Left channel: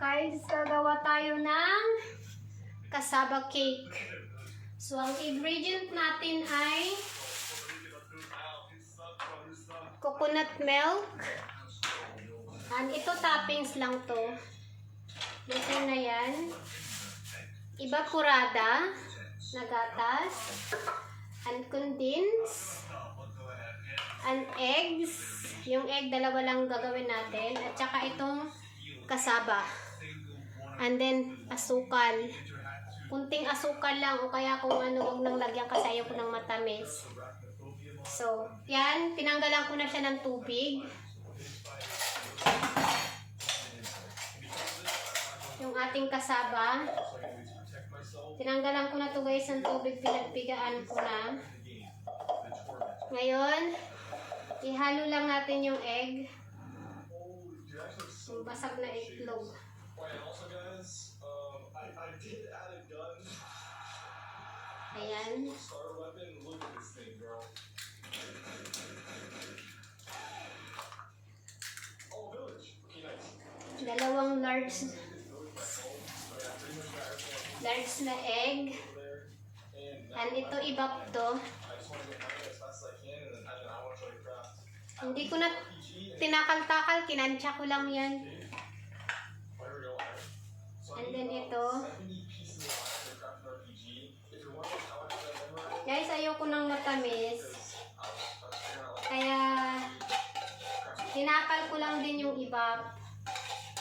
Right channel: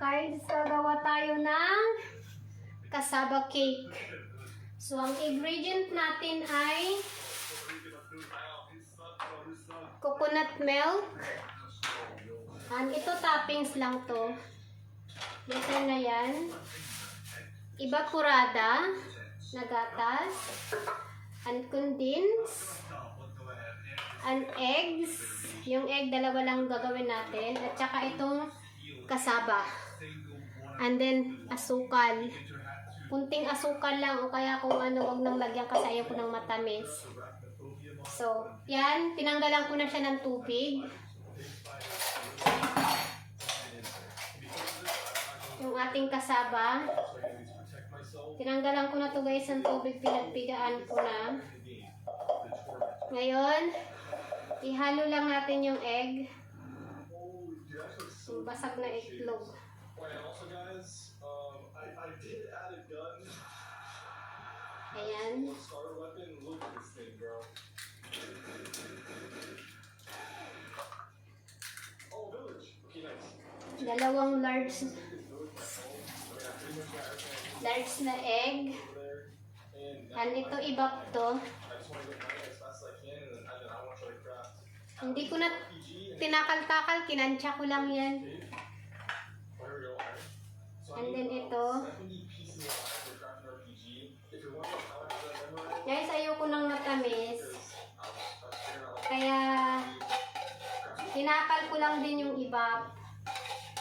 Guys, gagawa tayo ng cassava cake. So, ang ingredient natin ay coconut milk. And ito toppings lang to. Dito na yan. Evaporada na gatas. And condensed. And eggs. Yung egg, dalawa lang gagawin natin. At saka itong cassava. And then, asukal. Kunting asukal lang o kaya kung ano, wag nang lagyan kasi ayaw ko ng matamis. So, yan. Tinanggalan ko na siya ng tubig. Yung ating cassava. Tinanggalan ko na to guys ng tubig. Pinagpigaan ko na. Ngayon, ihalo lang natin yung egg. Yung basag na itlog. Ayan. Dalawang large na egg. And ito ibap to. Hindi ko na tinakal-takal, kinansya ko lang yan. And then ito. Guys, ayoko nang matamis. Kaya tinakal ko lang din yung ibap.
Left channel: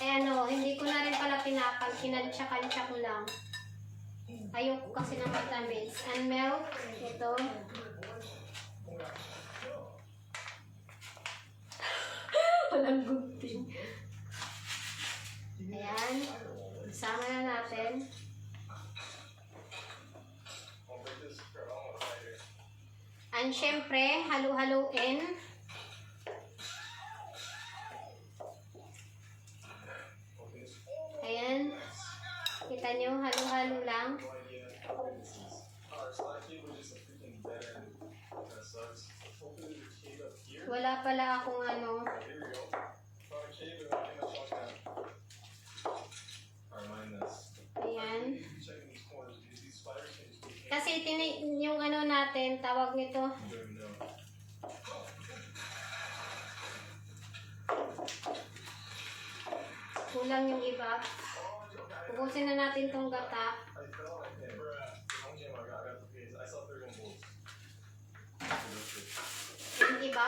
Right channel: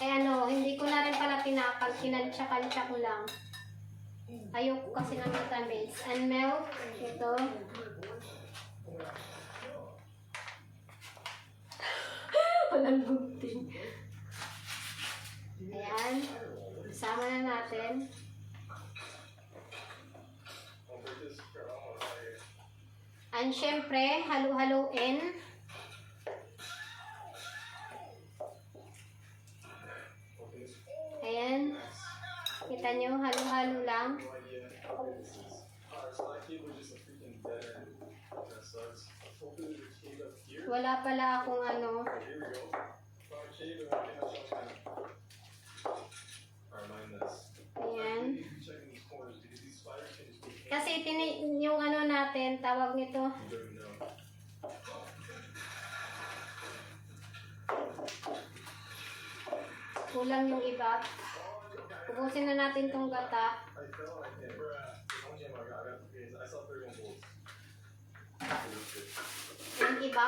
Kaya ano, hindi ko na rin pala tinakal, kinansya-kansya ko lang. Ayoko kasi ng matamis. And milk, ito. Walang gunting. Ayan. Sama na natin. And syempre, halo-haloin. Ayan. Kita nyo, halo-halo lang. Wala pala akong ano. Ayan. Kasi yung ano natin, tawag nito. Kulang yung iba. Ubusin na natin tong gata. Yung iba.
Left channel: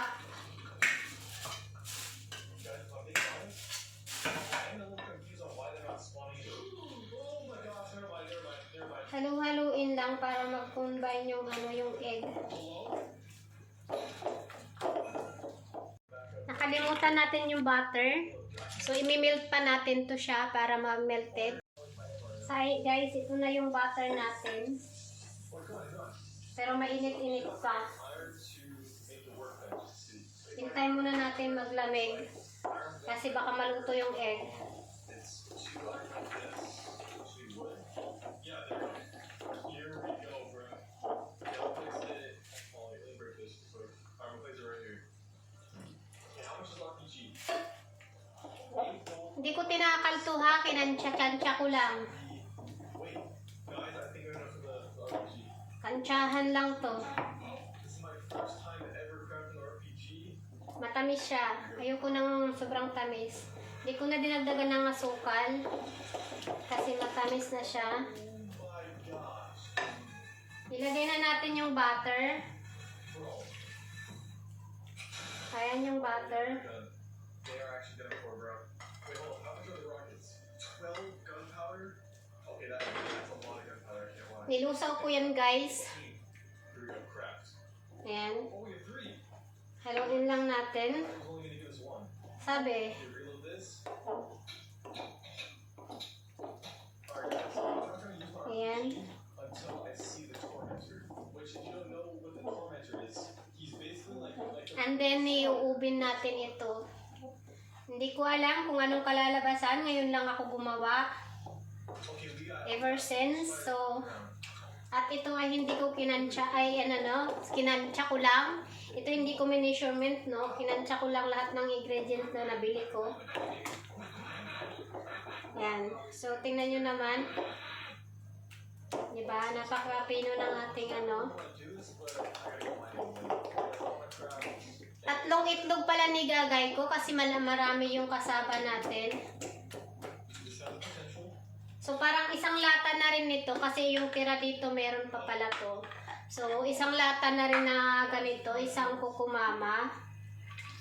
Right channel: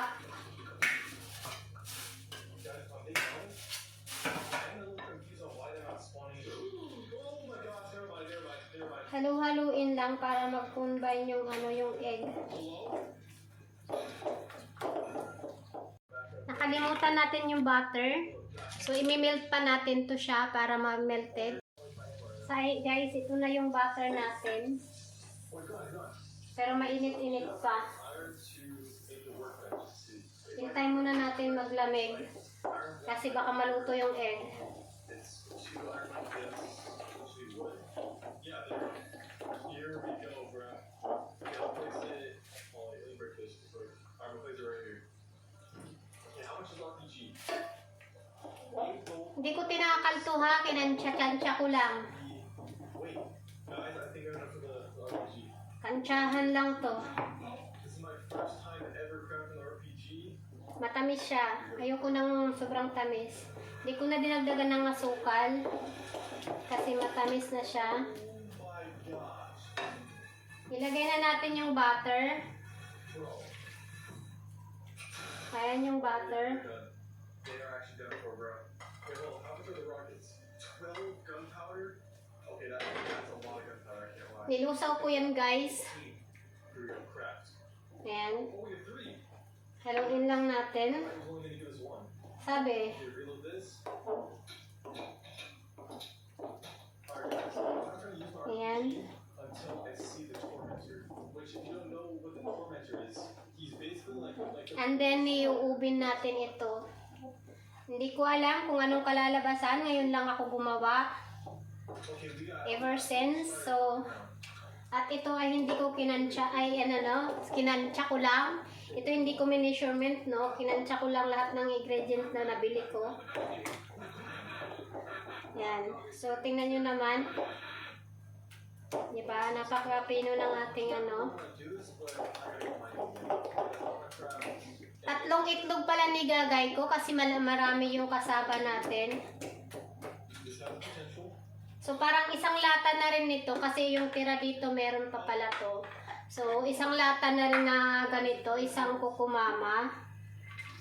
Halo-haluin lang para mag-combine yung ano, yung egg. Nakalimutan natin yung butter. So, imi-melt pa natin to siya para ma-melted. So, guys, ito na yung butter natin. Pero mainit-init pa. Hintay muna natin maglamig. Kasi baka maluto yung egg. Hindi ko tinakal to ha, kinansya-kansya ko lang. Kansyahan lang to. Matamis siya. Ayoko ng sobrang tamis. Hindi ko na dinagdagan ng asukal. Kasi matamis na siya. Ilagay na natin yung butter. Ayan yung butter. Nilusaw ko yan guys. Ayan. Haluin lang natin. Sabi. Ayan. And then, iuubin natin ito. Hindi ko alam kung anong kalalabasan. Ngayon lang ako gumawa. Ever since. So, at ito ay hindi ko kinansya. Kinansya ko lang. Ito hindi ko measurement, no? Kinansya ko lang lahat ng ingredients na nabili ko. Yan. So, tingnan nyo naman. Diba? Napakapino ng ating ano. 3 itlog pala ni gagay ko kasi marami yung kasaba natin. So, parang isang lata na rin nito kasi yung tira dito meron pa pala to. So, isang lata na rin na ganito, isang kukumama.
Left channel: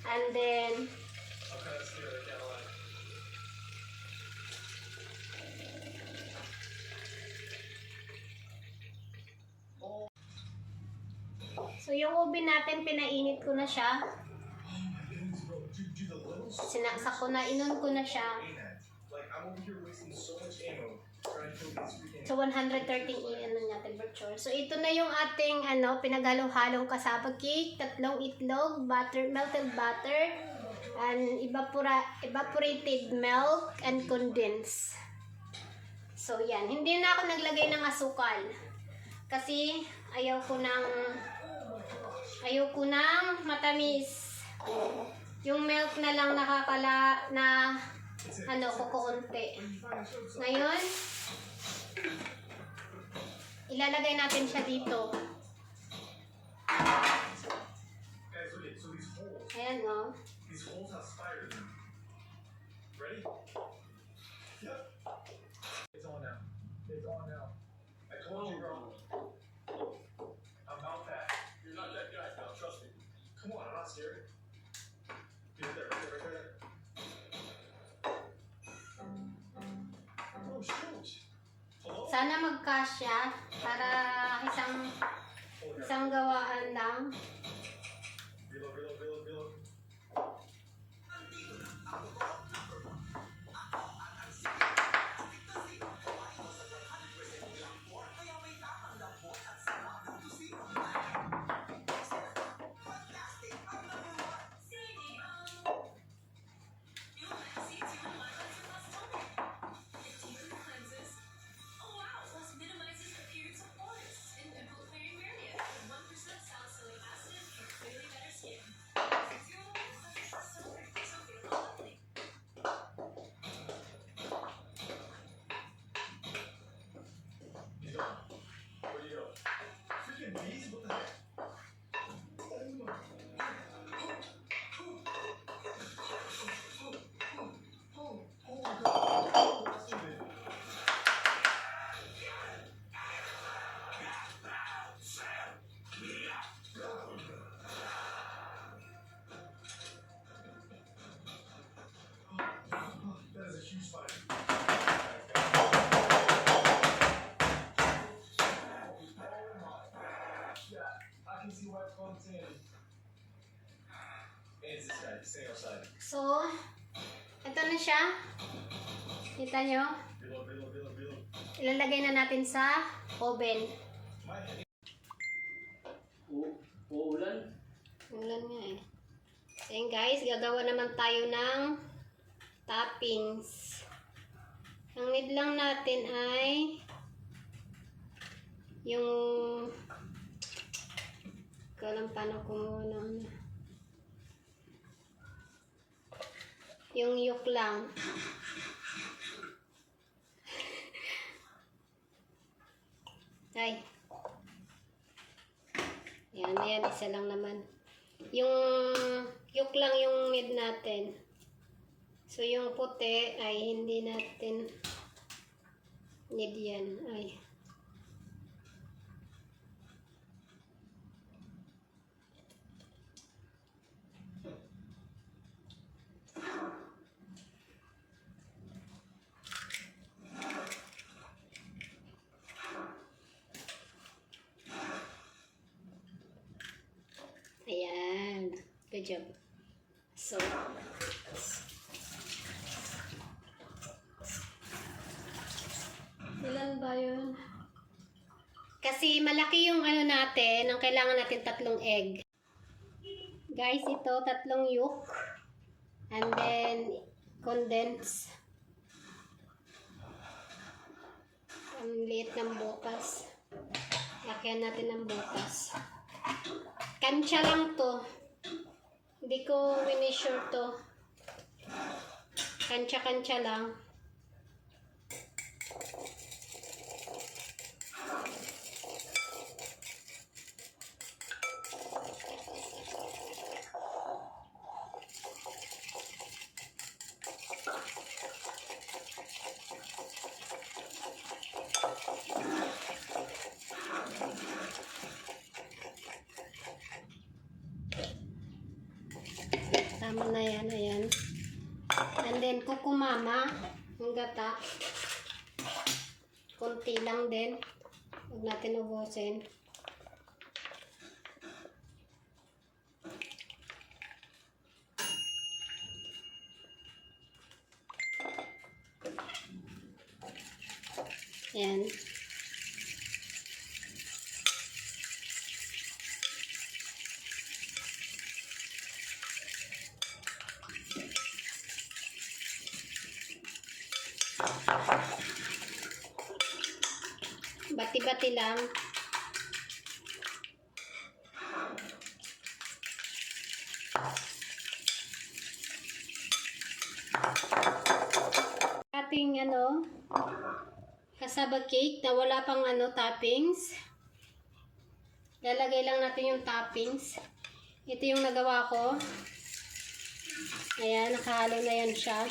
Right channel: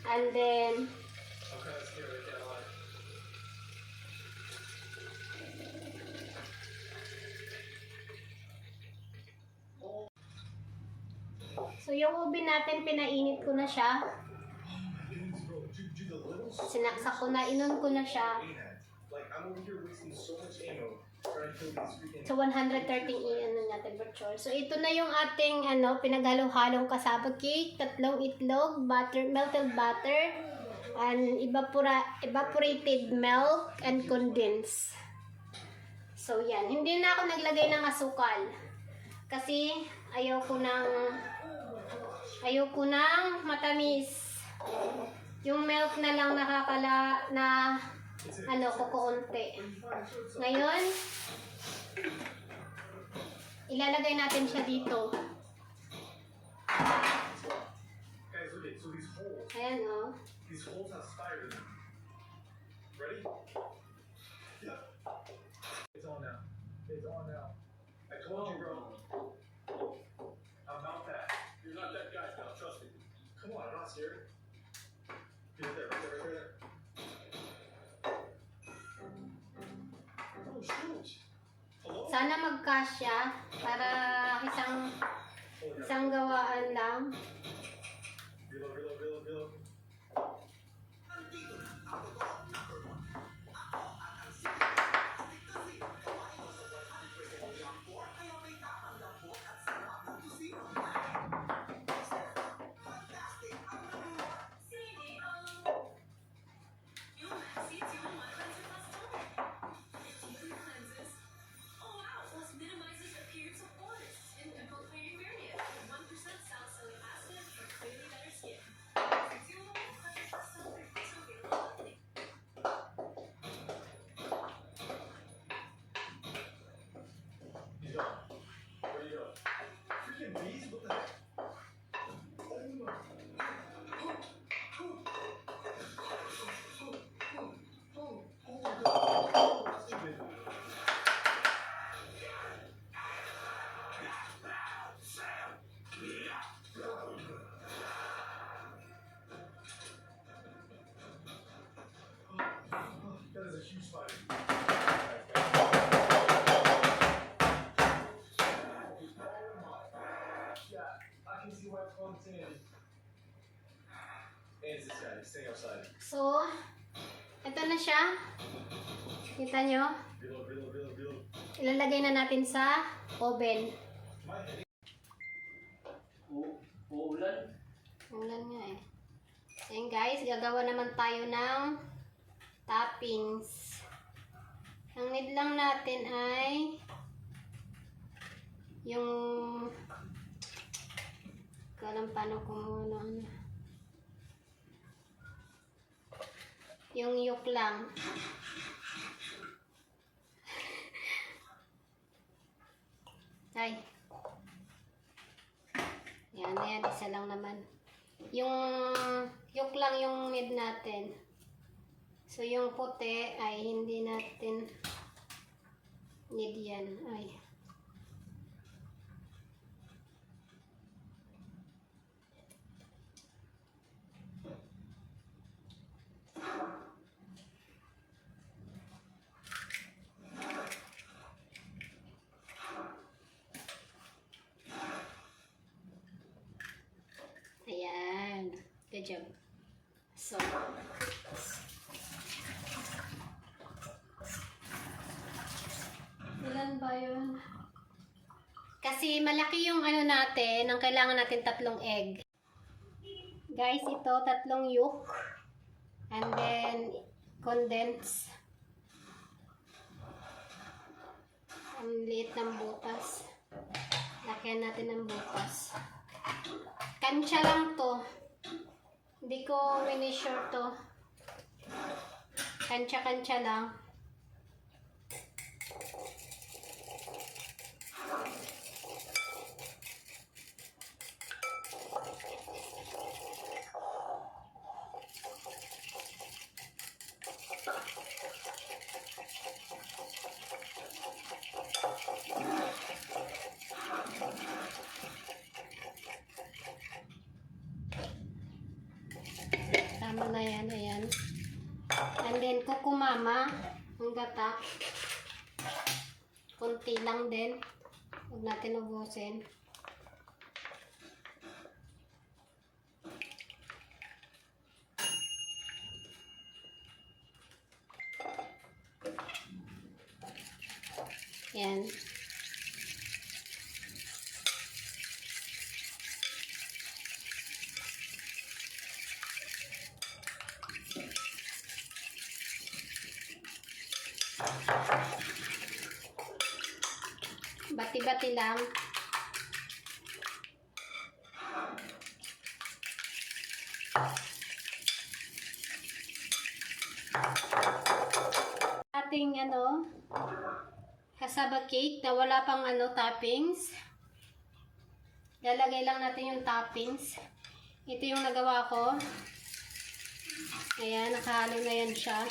And then, so yung ube natin, pinainit ko na siya. Sinaksak ko na, inon ko na siya. So 130 ano niya temperature. So ito na yung ating ano pinaghalo-halong kasaba cake, 3 itlog, butter, melted butter, and evaporated milk and condensed. So yan, hindi na ako naglagay ng asukal. Kasi ayaw ko ng matamis. Yung milk na lang nakakala na ano kukunti. Ngayon, ilalagay natin siya dito. Ayan o. Oh. It's on now. It's on now. I told you, bro. I'm not that. You're not that guy, pal. Trust me. Come on, I'm not scared. Right there, right there, right there. Oh, shoot. Hello? Sana magkasya para isang gawaan lang. Reload, reload, reload, reload. He's gone. Where'd he go? Freaking bees? What the heck? That is a huge spider. I can see why it's called tan. And it's this guy, stay outside. So, ito na siya. Kita nyo? Reload, reload, reload, reload. Ilalagay na natin sa oven. My head. Uulan? Ulan nga eh. So yun guys, gagawa naman tayo ng toppings. Ang need lang natin ay yung ko alam paano kumuha ng ano. Yung yolk lang. Ay. Yan, isa lang naman. Yung yolk lang yung need natin. So, yung puti ay hindi natin need yan. Ay. Ayan. Good job. So, ilan ba yun? Kasi malaki yung ano natin, ang kailangan natin 3 egg. Guys, ito 3 yolk. And then, condense. Ang liit ng butas. Lakyan natin ng butas. Kansya lang to. Hindi ko minisure to. Kansya-kansya lang. kumama ang gata. Kunti lang din. Huwag natin ubusin. Yan. Bati-bati lang. Ating cassava cake na wala pang toppings. Lalagay lang natin yung toppings. Ito yung nagawa ko. Ayan, nakahalo na yan siya.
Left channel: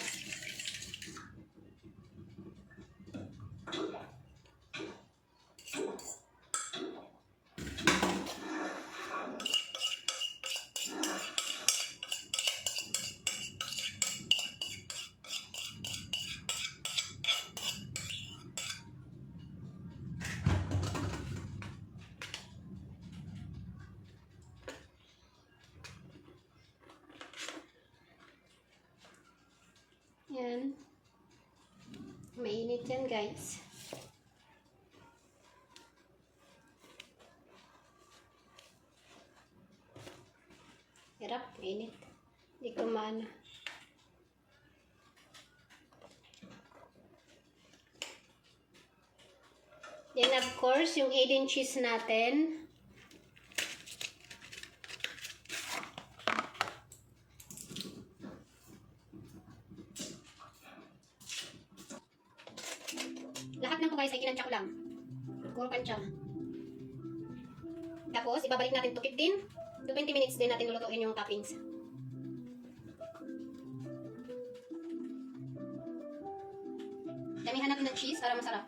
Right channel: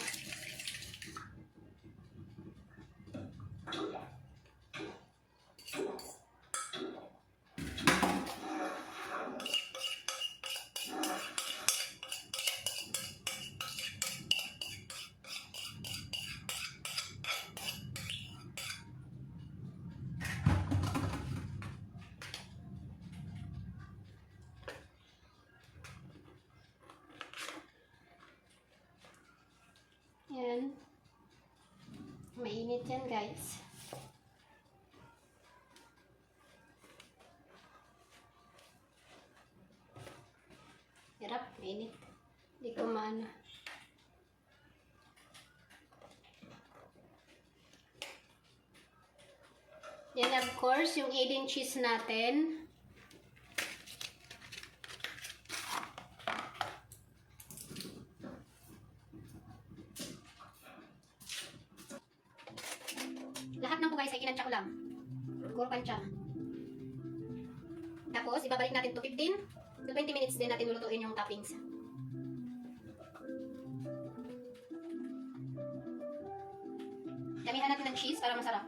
Yan. Mainit yan, guys. Hirap, mainit. Hindi ko maano. Then, of course, yung 8 cheese natin. Lahat ng po guys ay kinansya ko lang. Puro kansya. Tapos, ibabalik natin to 15 to 20 minutes din natin lulutuin yung toppings. Damihan natin ng cheese para masarap.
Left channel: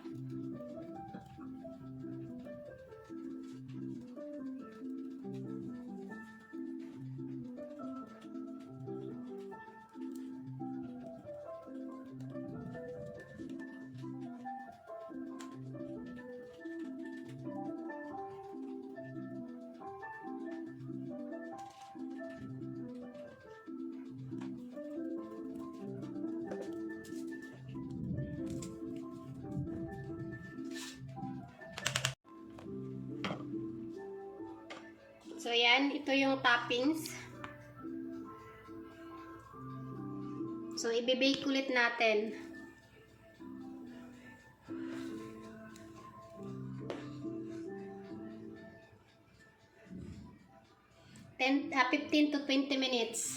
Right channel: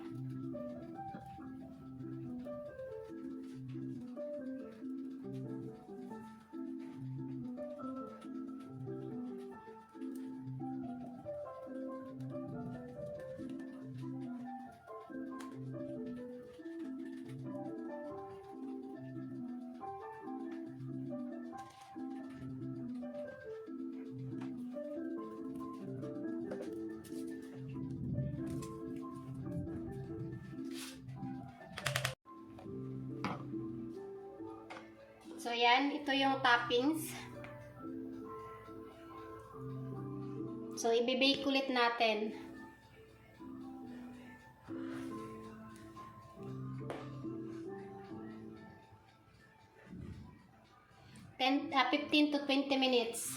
So, yan. Ito yung toppings. So, ibibake ulit natin. Ten, 15 to 20 minutes.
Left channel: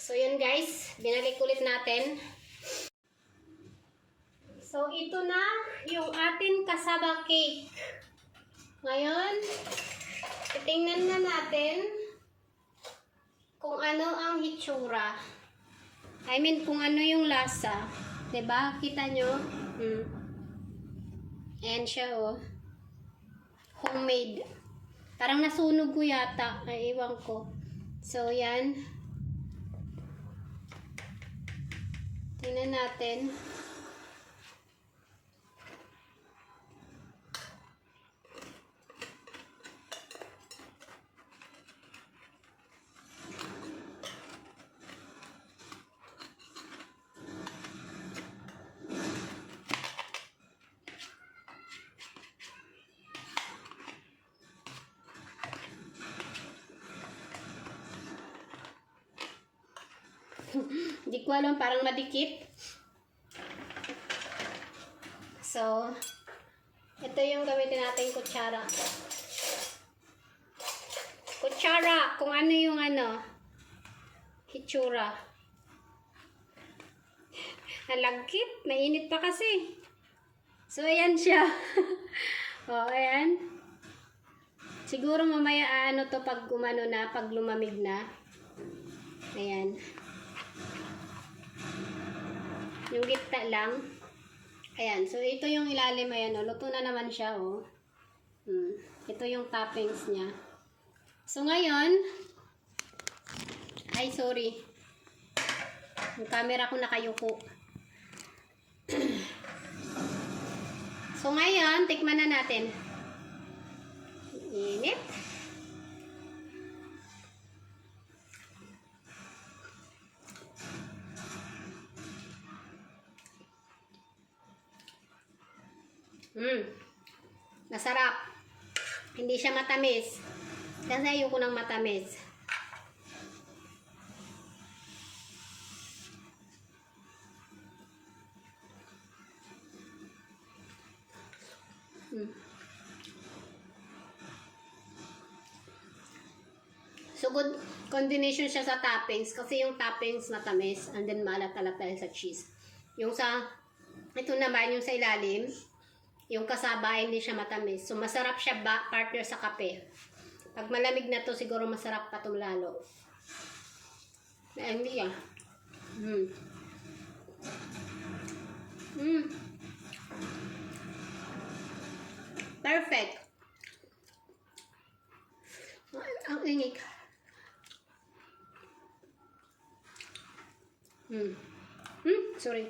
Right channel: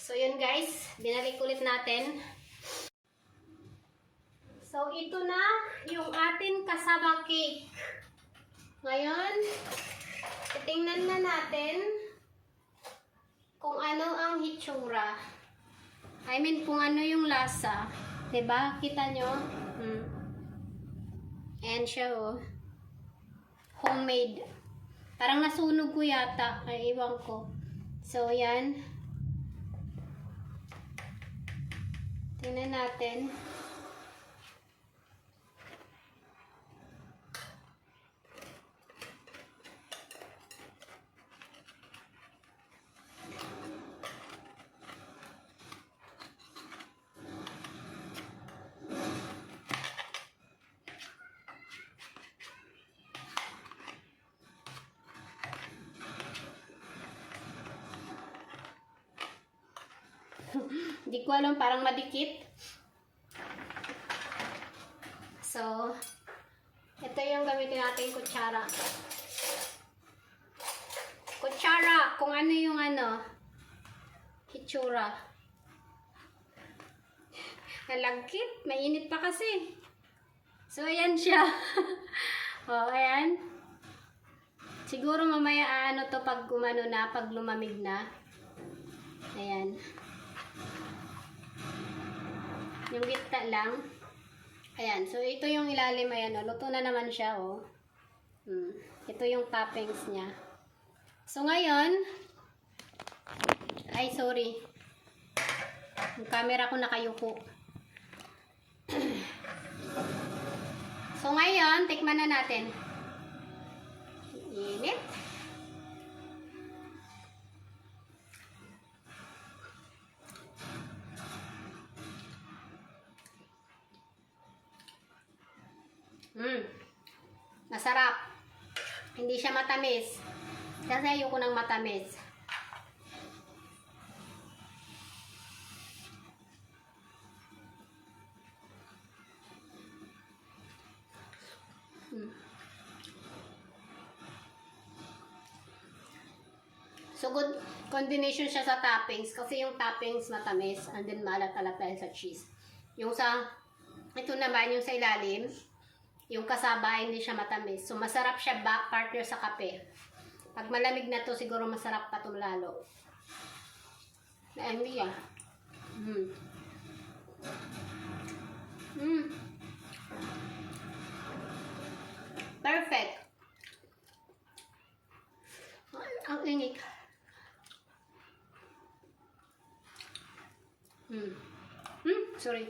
So, yun guys. Binalik ulit natin. So, ito na yung ating cassava cake. Ngayon, tingnan na natin kung ano ang hitsura. I mean, kung ano yung lasa. Diba? Kita nyo? Ayan siya, oh. Homemade. Parang nasunog ko yata. Ay, iwan ko. So, yan. Tingnan natin. Hindi ko alam, parang madikit. So, ito yung gamitin natin kutsara. Kutsara, kung ano yung hitsura. Nalagkit, mainit pa kasi. So, ayan siya. O, ayan. Siguro mamaya to pag pag lumamig na. Ayan. Yung gitna lang. Ayan. So, ito yung ilalim. Ayan, oh. Luto na naman siya, oh. Ito yung toppings niya. So ngayon, ay sorry. Yung camera ko nakayuko. So ngayon, tikman na natin. Init. Masarap. Hindi siya matamis. Kasi ayoko ng matamis. So good combination siya sa toppings kasi yung toppings matamis and then maalat-alat tayo sa cheese. Yung sa ito naman yung sa ilalim, yung kasaba hindi siya matamis. So masarap siya partner sa kape. Pag malamig na to siguro masarap pa to lalo. Hindi ah. Perfect. Ang init. Sorry.